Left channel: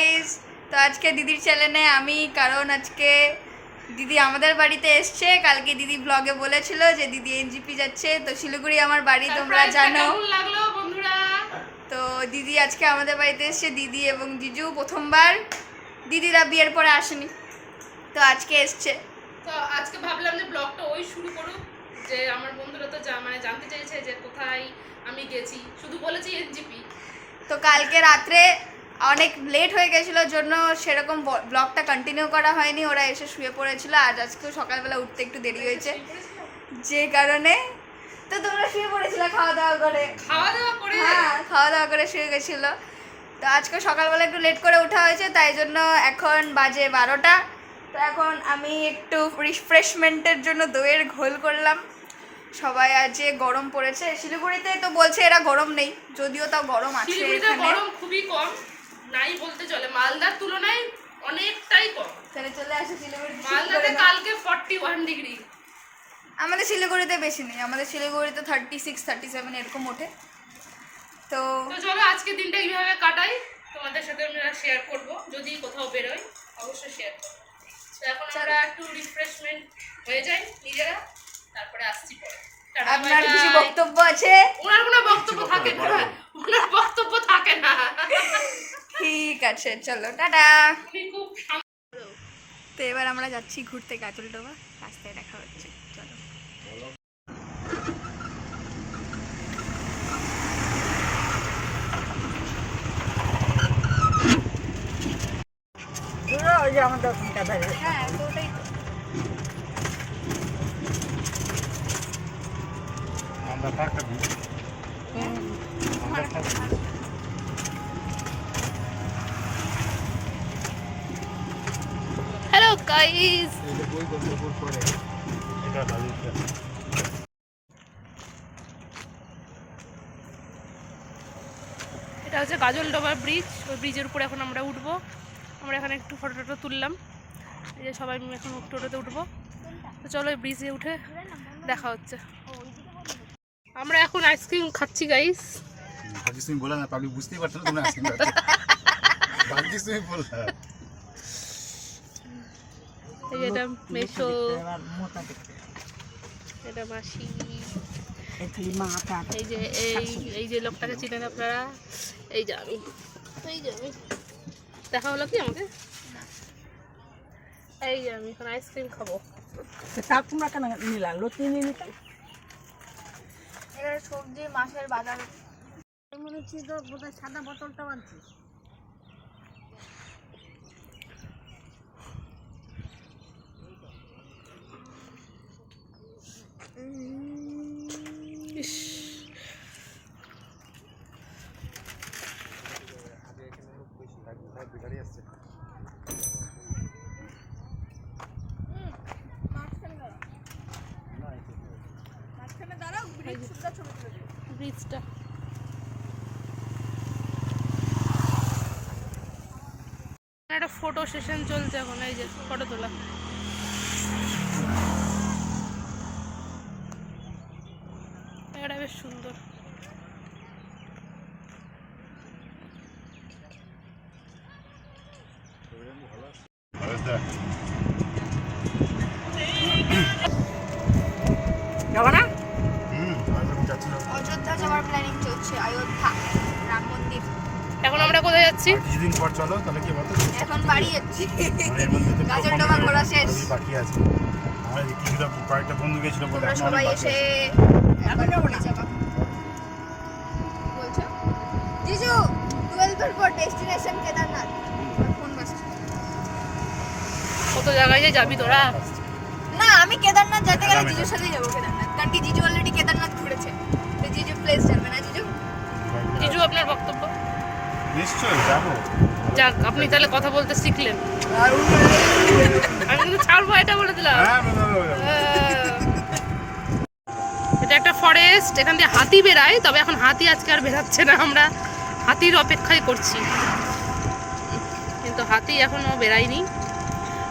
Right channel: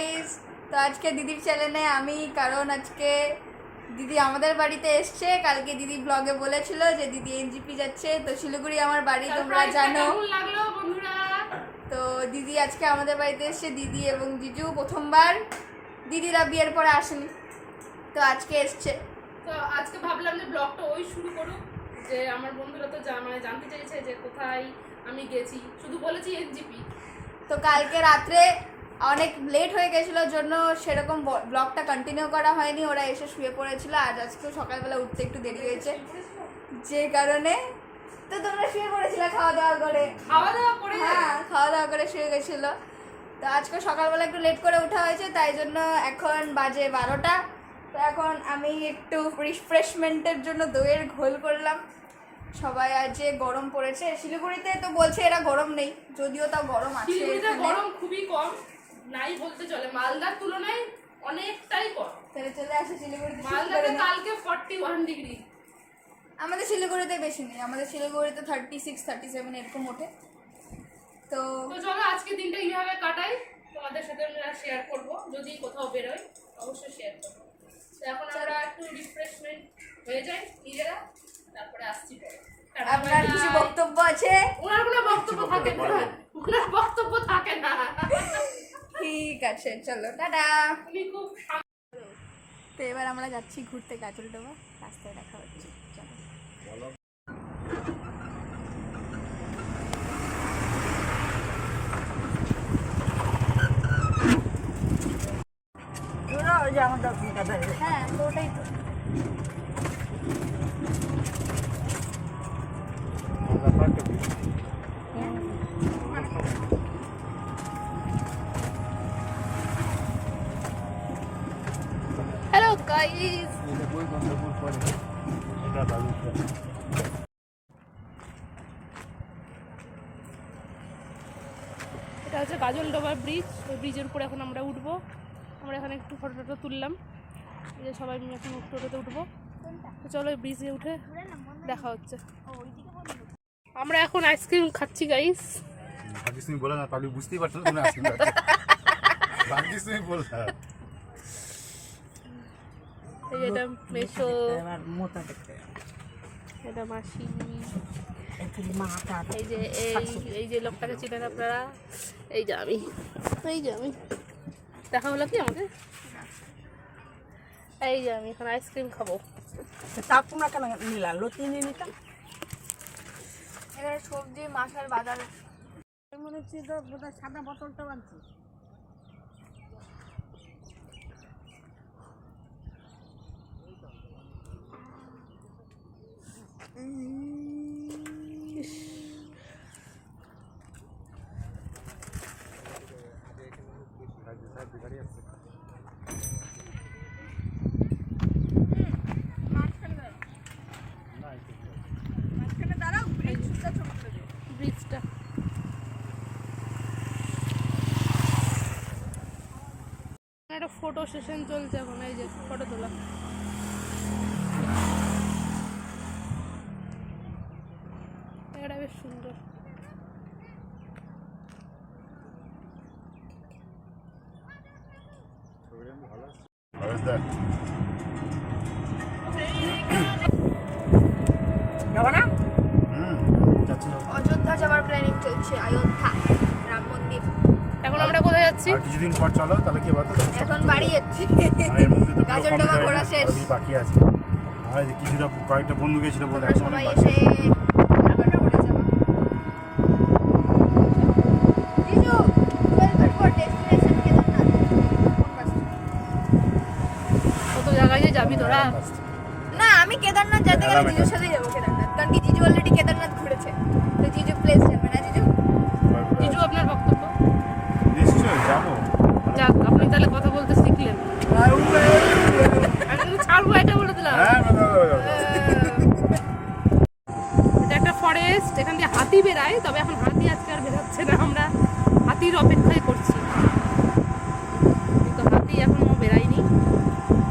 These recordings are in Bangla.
গাইস, তো আজকে দিদির চ্যানেলে আমি, কারণ আজকে দিদি আমাদের বাড়িতে এসছে। কালকে দিদি ব্লগে বলেছিল যে দিদি এনজিপি যাচ্ছে, তো শিলিগুড়ি আমার বাড়ি তোমরা জানো। লাগলো বন্ধুরা, তো দিদি আজকে আমাদের বাড়িতে এসছে, দিদি এবং জিজু প্রথমবার। দিদিরা বিয়ের পরে আসেনি, তো আজকে এসছে। তো আজকে ভাবলাম যে ব্লগটা ওই শুরু করুক, যে আমার বন্ধুরা তো জানতে চাইছে যে কোথায় আমি গেছি, শুধু বলেছি এনজিপি। তো কালকে রাত্রে অনেক লেট হয়ে গেছিলো জন্য সেরকম ব্লগটা কন্টিনিউ করা হয়নি, ওরা এসে শুয়ে পড়েছিল। আর আজকেও সকালবেলা উঠতে একটু দেরি হয়েছে, যে কারণে তো তোমরা শুয়ে পড়েছিলে খাওয়া দাওয়া করে। হ্যাঁ, খাওয়া দাওয়া করে শুয়ে গেছিলো। তো আজকে সকালবেলা একটু লেট করে ওঠা হয়েছে, তাই জন্য এখন বাজে 12টা। তো এখন আমি একটু রিফ্রেশমেন্টের জন্য দইয়ের ঘোল করলাম। সবাই আজ যে গরম পড়েছে শিলিগুড়িতে, তো বলছে এরা গরম নেই, যদিও তাও গরম আছে। শিলিগুড়িতে গরম খুবই কম, নাই বলতে চলে, মালদার তুলনায় অনেকটাই কম। তাহলে চলে আসে শিলিগুড়িতে। মালদাতে কালকে 41 ডিগ্রি। আমাদের শিলিগুড়িতে বেশি নেই, আমাদের শিলিগুড়িতে 36 37 এরকম ওঠে। তো চলো আজকে দিনটা এইভাবে কাটাই, তোমাদের সাথে আমরা শেয়ার করব। যদি কোথাও বেরোই অবশ্যই শেয়ার করব। তো এখন আমরা একটু রিফ্রেশমেন্ট হয়ে যাই নিজেরা, তারপরে আসছি পরে। আপনার কিছু বক্তব্য আছে? ওনার কোনো বক্তব্য থাকে না, ওনার বক্তব্য থাকে না। ঠিক আছে, চলো টাটা। উনি খুব তো এবার আমরা যাচ্ছি ঘুরতে গাজলডোবা, রাস্তায় দেখা হচ্ছে, চলো। হ্যাঁ, তো ওটাই তো। হ্যালো গাইস, এটা হচ্ছে গাজলডোবা ব্রিজ। ওই ব্রিজের উপরে এখন আমরা উঠবো। আমরা এখানে একটু ফটো টটো তুললাম, এই যে সবাই মিলে এখন টোটোতে উঠবো। তো চলো এই ব্রিজে উঠে দেখা হচ্ছে। আমরা এখন আইসক্রিম খাচ্ছি গাইস। তুমি বলে না, পাবলিক বুঝতেই পারছো না তোমরা আইসক্রিম খাচ্ছ। ভাগ্যিস তুমি বললে। এই যে এটা মেশো, এটা মাসি, এই যে এই যে লোকটাকে চিনেন আপনারা, এই যে আমি, দেখা হলো কি আমাকে? এই যে আমি এখন আইসক্রিম খাবো। তোমরা কেন নিলাম? লতি নিয়ে নিতাম। এখানে সবজি মাছের বাজার। মনে হচ্ছে তো বোধহয় সাদা বোতলটাও আনছিস। ইস, ব্রিজটা একটা ফটো সেশন চলছে এখন, এই যে ফটো তোলা। এটা বেশ সুন্দর। অযোধ্যা যাওয়ার প্ল্যানিং চলছে, অযোধ্যা রাম মন্দির। এখন আমরা কোথায় যাচ্ছি? কিছুদিন পর চলো, তাহলে কি বলতো এখন বাড়ি যাচ্ছি, গাজলডোবা ঘোরা শেষ। বাকি আছে। আর কিছুটা কয়েকটা বন্ধু গেছিল বলে এখন সবাই অনেক বাকি এসে এখন বলে যাবো। জিজু 12 পর ডেস্টিনেশন কেদারনাথ কোন বাস? কত জায়গায় যে যাবি তোরা? না, আমি কেদারনাথ যেতে গেলে জিজুর সাথেই যাবো কেদারনাথ, কারণ কি জিজু অলরেডি কেদারনাথ ঘুরেছে, তো জিজু প্লেস যাবে না। জিজু জিজু আপনার বক্তব্য? নিশ্চয়ই যাবো। যাক, আপনি তাহলে কথা বলতে শিখলেন। আমি কিন্তু ছাড়বো এটা বলে দিলাম। হ্যাঁ, বলো। এটা একটা ফরেস্ট, এখান দিয়ে হাতি বেরায়, তবে এখন হাতি আজকে আর বেরাচ্ছে না, আমরা হাতির অপেক্ষায় করছি, কিন্তু হাতি এখনো বেরায়নি।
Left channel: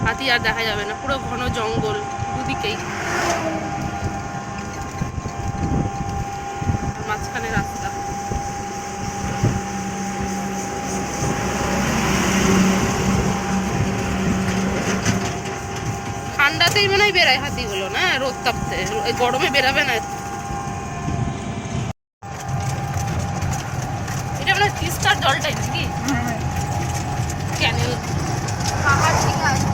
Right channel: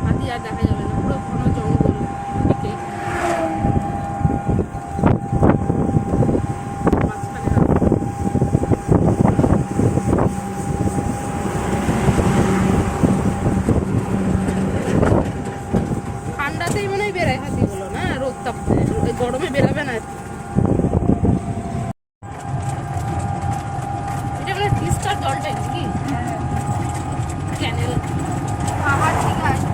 হাতি আর দেখা যাবে না, পুরো ঘন জঙ্গল দুদিকেই। মাঝখানে রাস্তা। তাপতেই মনে হয় বেরায় হাতিগুলো, না রোদ তাপতে, ওই গরমে বেরাবে না। এটা মানে তিস্তার জলটাই নাকি ক্যানেল? খাবার ঠিক আছে।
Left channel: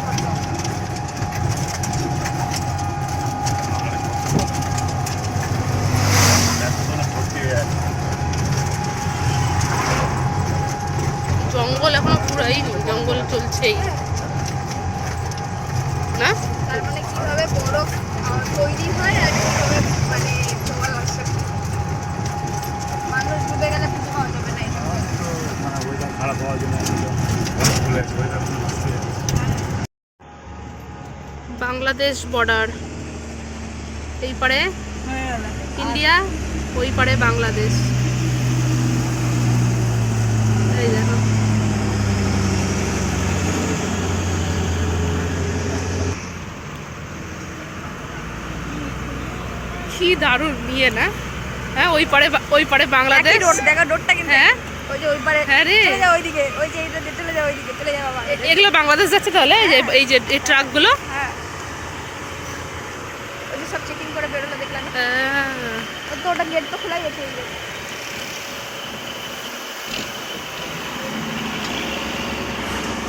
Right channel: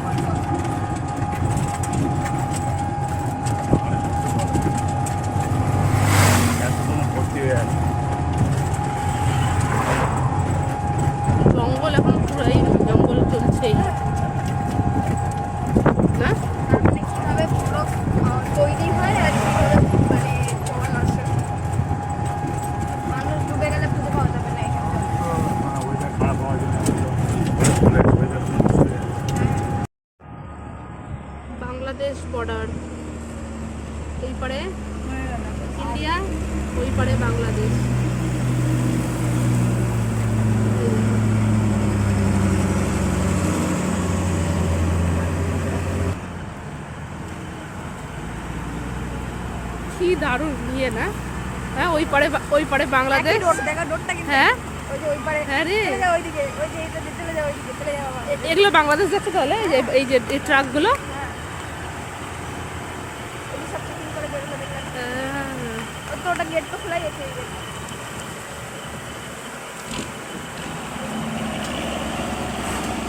জঙ্গল এখনো পুরাই জঙ্গল চলছেই না। তার মানে কিভাবে বরফ তৈরি হয় আর কিভাবে মানে তোমার হচ্ছে মানুষ ডুবে গেলে খুঁজে পাওয়া যাবে না। খারাপ হওয়ার জন্য বাংলাদেশ বর্ডার, এই পারে ইন্ডিয়া, ওই পারে বাংলাদেশ। এই দেখো কি দারুণ নিয়ে না। হ্যাঁ ওই পারে বাংলাদেশ। দেখা ডোরটা কিন্তু হ্যাঁ ওই যে ওই পারে হ্যাঁ রে, চলে যাও ওইদিকে, ওই যে এইটা দিয়ে চলে যাও ওইদিকে, চলে যাও আবার। এগুলো বাংলাদেশ যাচ্ছে তাহলে? এই যে এই ট্রাকগুলো। হ্যাঁ ওই যে সব চেকিং করে বেরোলো দেখলাম। হ্যাঁ, ওই তো ওটা গেট তো খোলাই আছে।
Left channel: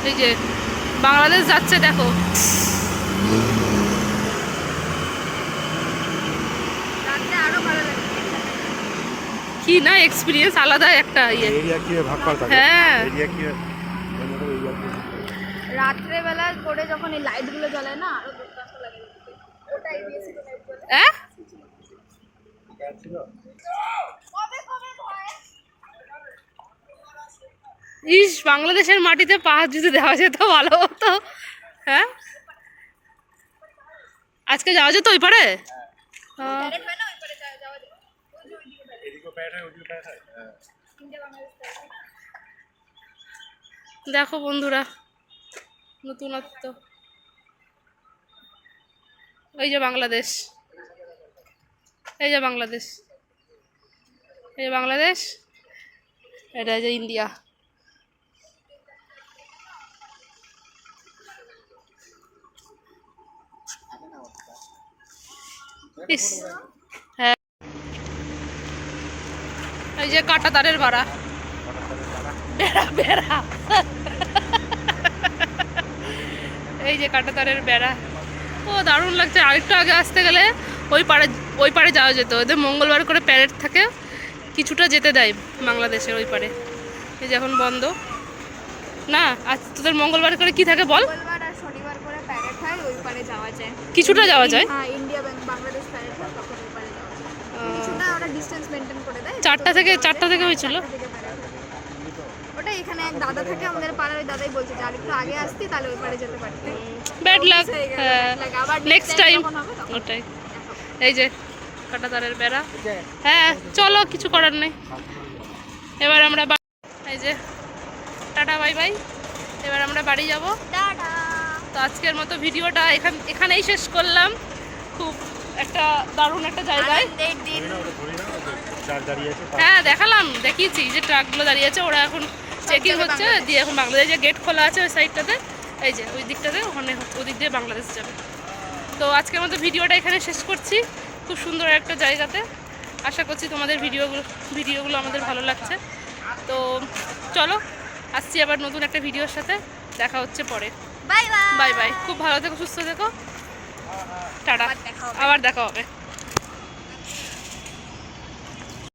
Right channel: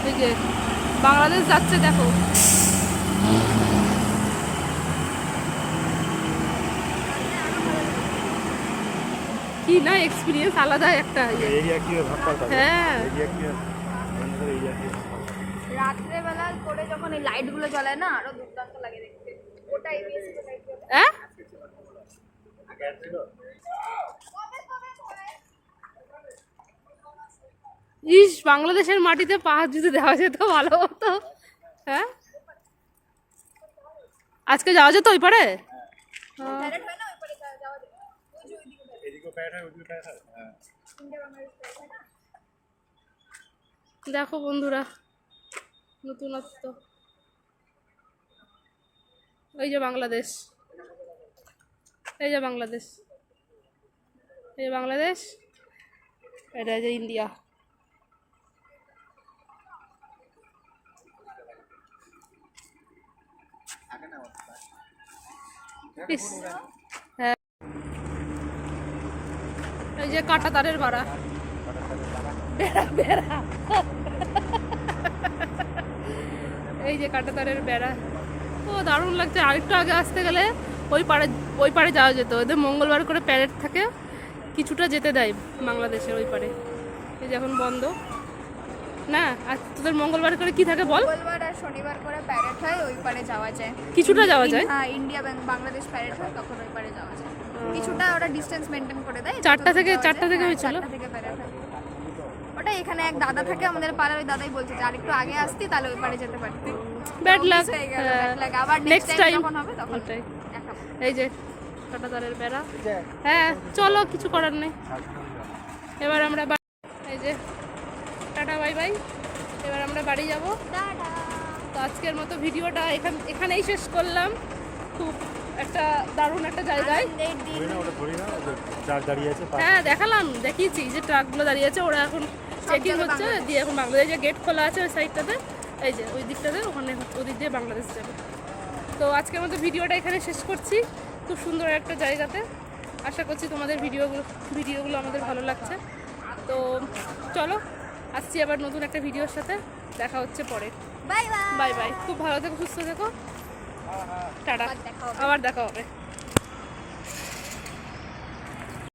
এই যে বাংলাদেশ যাচ্ছে দেখো। রাত্রে আরো ভালো লাগে। কি না এক্সপিরিয়েন্স, আলাদা একটা ইয়ে। এরিয়া কি ভাগ করা থাকে? হ্যাঁ এরিয়া কি এরিয়া কি রাত্রে বেলা করে যখন এই লাইট গুলো জ্বলায় না আরো দুর্দান্ত লাগে দেখতে। ওটাই বেশি লাইট জ্বলে। হ্যাঁ ছিল? ইস, বাংলাদেশের মাটিতে পা যদি দেওয়া যেত ভালো হতো। হ্যাঁ আজকে যাওয়া যেত ওই পারে? ডাইরেক্ট হয় না ওই পারে যাওয়া যায়। ওই যে ওইদিকে বেরোয়। এদিকে প্যাড হয় ওদিকে প্যাড হয়। হ্যাঁ। ইন্ডিয়া বাংলাদেশ side হয় না? দেখো বন্ধুরা নতুনত্ব। এই যে বাংলাদেশ, এই যে বাংলাদেশ, এই যে বাংলাদেশ, এটা যে ইন্ডিয়া। ইস, হ্যাঁ এই যে কাঁটা তারের বাড়া, বেড়া বেড়া, এই যে কাঁটা তারের বেড়া। ও দারুণ লাগছে। আরেকটু আগে আসতে গেলে ওই পারে যাওয়া যেত। ওদের মঙ্গলবার করে প্যারেড থাকে, কিছুটা যেতে দেয় বাংলাদেশের ওই পারে। এই যে এখন বন্ধ না। আজ তোদের মঙ্গলবার করে কি থাকে বল? মঙ্গলবার আর শনিবার করে প্যারেড হয়, ওই পারে যাওয়া যায়। কিছুটা যাওয়া যায়। হ্যাঁ ইন্ডিয়া বাংলাদেশ প্যারেড হয় তখন ওই পারে যাওয়া যায়। কিছুটা ওরা ডিসটেন্স মেনটেন করে দেয়। 4টা থেকে হয়েছিল। 4টা থেকে parade হয়। ওটা এখানে এক দাদা থাকে আমাদের পাড়ার, ওই দাদাই বলছে যে আরেকটু আগে আসতি তাহলে ওই পারে যেতে পারতি। Bad luck. হয়ে গেল, bad luck। আবার নেক্সট টাইম যখন হবে তখন ওটাই। দেখাবো। এই যে কাঁটা তারের বেড়া। হ্যাঁ চলো, কিছু করার নেই। এবার আমরা এই যে টাটা বাই বাই, এবার আমরা বাড়ি যাব। টাটা। তো আজকের মতো ভিডিওটা এখানেই শেষ করলাম। খুব একটা দারুণ একটা জায়গায়। আনন্দের দিন। চার দাঁড়িয়ে আছে। হ্যাঁ দেখালাম, দেখিয়েছি যে ট্রাকগুলো দাঁড়িয়ে আছে, ওরা এখন চেকিং হচ্ছে, দিয়ে এখন বাংলাদেশ যে গেট খোলা আছে ওই সাইডটাতে, এই যে ওই দিকটাতে, ওখানে ওদিক দিয়ে বাংলাদেশ যাবে। তো আজকের মতো ভিডিওটা এখানে শেষ করছি, খুব সুন্দর একটা জায়গাতে। আশা করছি তোমাদের ভিডিওগুলো আমাদের ভালো লাগছে। তো চলো আসছি আবার নতুন একটা ভিডিওর সাথে, দেখা হচ্ছে পরে। Bye bye. বাই বাই, খুব ভালো থেকো, সুস্থ থেকো, টাটা, আবার দেখা হবে। আবার দেখা হবে।